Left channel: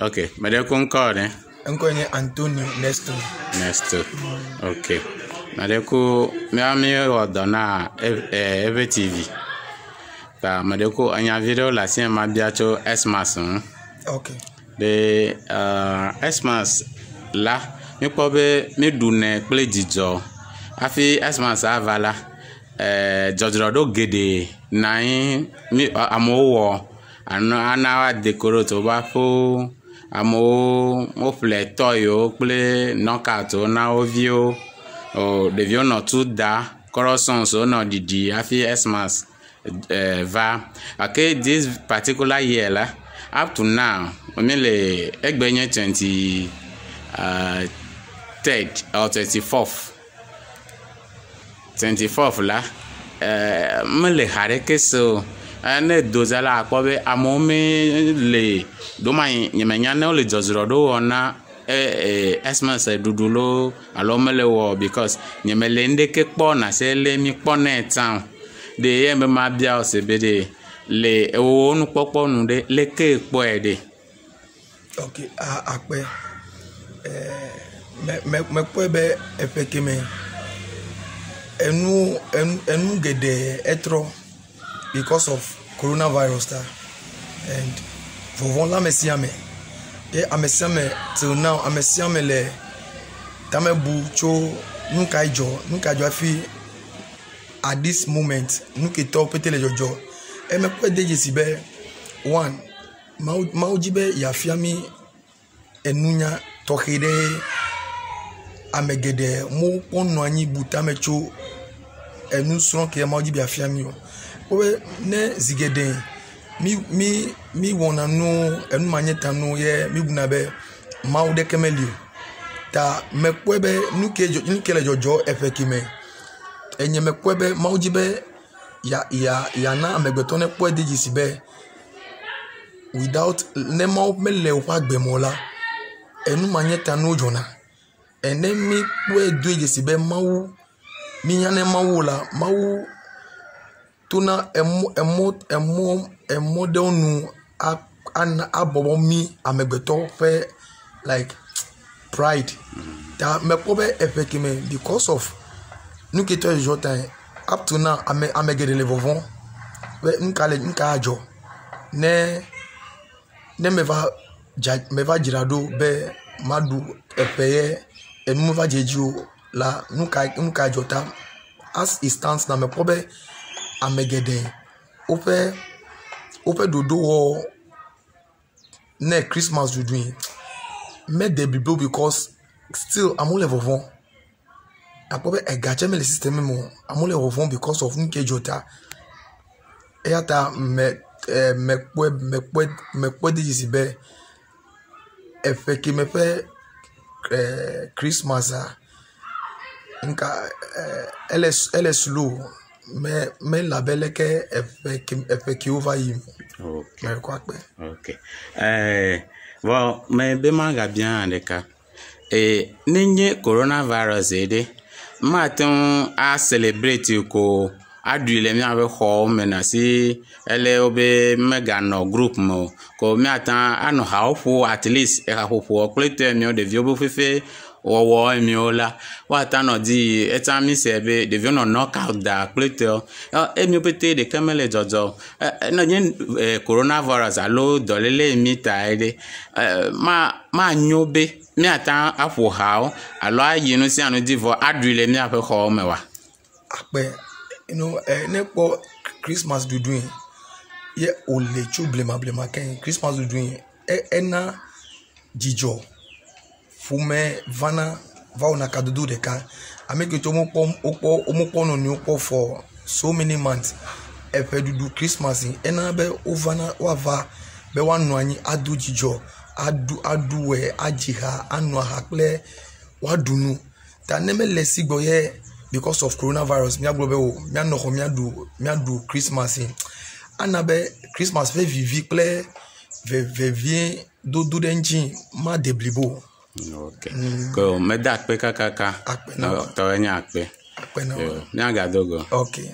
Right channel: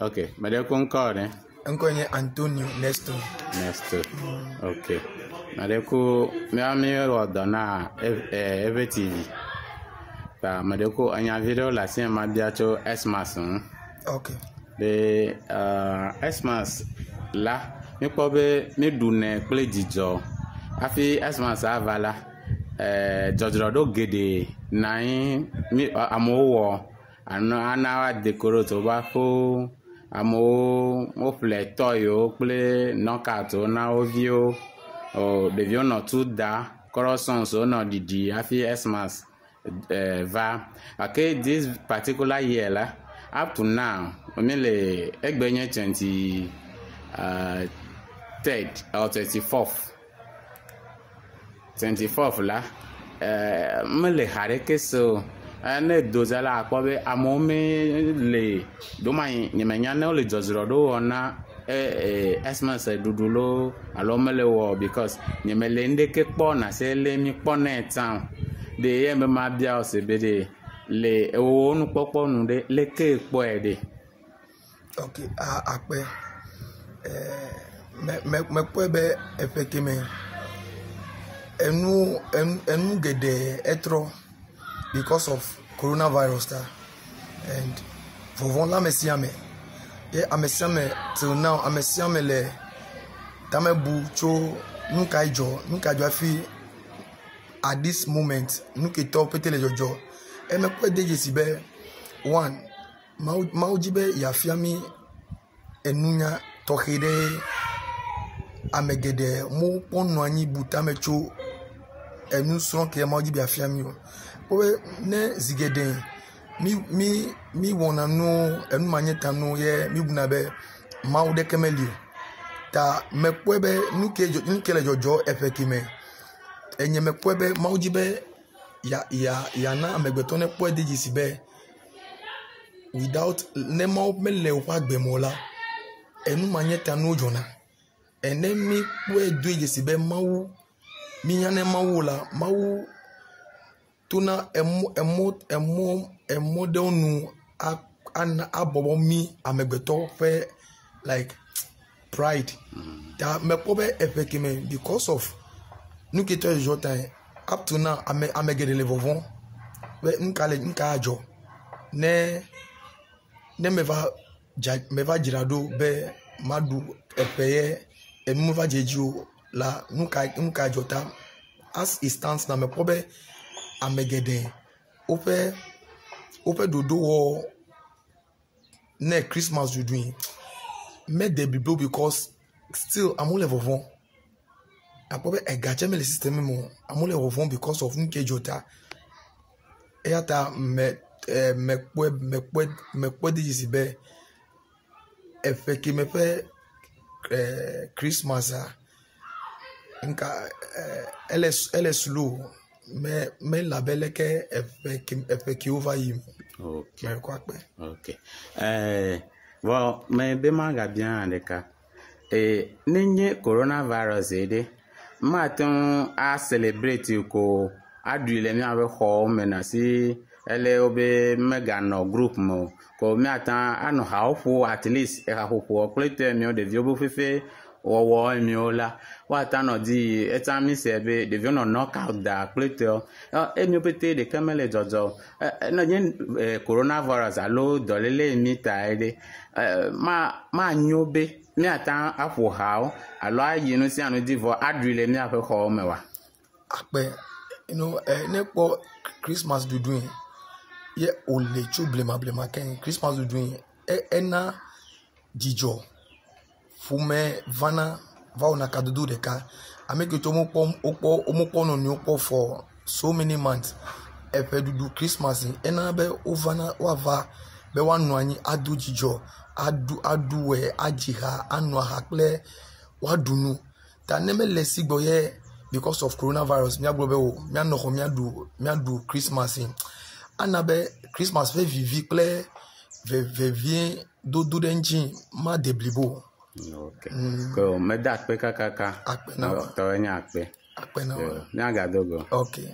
Okay, mede ko nko ne? Nko ne Antonio Nesto. Okay. Mede ko me ami odona Eve TV. Ba mede ko anya video la sien ma bia cho Xmas. Okay. De Xmas la mi po be mi dune ple jijo. Afi Xmas avala jojrodo gede nine mi amowo ana decorate ba fo amo mo fle toyo ple knockout na ovio o devio no tu da corruption so no didi afi Xmas va okay this particular year la up to now only egbenye 23rd or 24th la mele hareke so ane dozala akobe amomi le do mai nyemenya na le jozro do ona Xmas dudulo alo mele wo because nyemele ndeke kpo na se le mi kpo na town de yembe ma bia o se bede le onu popo nu de le ke kpo ede. Okay, akpe me kpo be efekeme enu gede etro because of coronavirus and vovon la mesiame e amesiame till now amesiame le tamebu cho nuka ijo afi at this moment nuke to petele jojo e me kpo deje sibe one maujibe ya fiami enunya tohide amegede mu ponu anyi butamecho enu son ke maujibe ya fiami owe ne zigede mi wona no enu manyeta no ye mi bunabe maude kemelio ta mekwebe nukele jojo efekime enye mekwebe maujibe ya na amegbeto ne kpo deji sibe without nema mele opa gbemola enu manyeta no jona ene mi kpo deji sibe mawu mi nyane mawu la mawu tuna emo de onu abobo mi amegbeto fe like pride ta mekobe efekime because of nuketo jota up to now amegede le vovon nka ajo ne meva jirado be madu epeye enu meva jeju la nka jota as it stands na mekobe amegede ope dodo wo ne Christmas you doing me de bibo because still amule vovon apobe egache me le system mo amule vovon because of nke jota eyata me kwe de jisibe efeki me fe Christmas nka ele slow me labele ke efeki over him. Okay. Well, me be manga bien andeka. Ninye coronavirus ede maton a celebrate ko adule mi ave ho menasi ele obe mega no group mo ko mi atan ano hawo at least e ka popo plete mi o de viobo fefe wo mi ola wa tan di etami sebe de vio no knockout da plete e mi pete de kamele jojo no yen coronavirus alo dolele mi taide ma nyobe mi atan afu hawo alo ayinu si anu divo adule mi ape ho mewa akpe nepo Christmas do doing ye ole chu blema ken Christmas do doing ena jijo fume vana vauna kadudu deka ameke to omopo no ni opo for so many months epe do Christmas ena be ovana wava be wanu anyi adu jijo adu we ajiha anu hakle wadunu ta neme lesigbo ye because of coronavirus mi agbobe o mi anoko mi adu Christmas anabe Christmas ve vivi ple ve vient do denji ma deblibo. Okay. Go me da pe kakaka. Akpe na. To enya akpe. Akpe na. Nya ga dogo. Okay.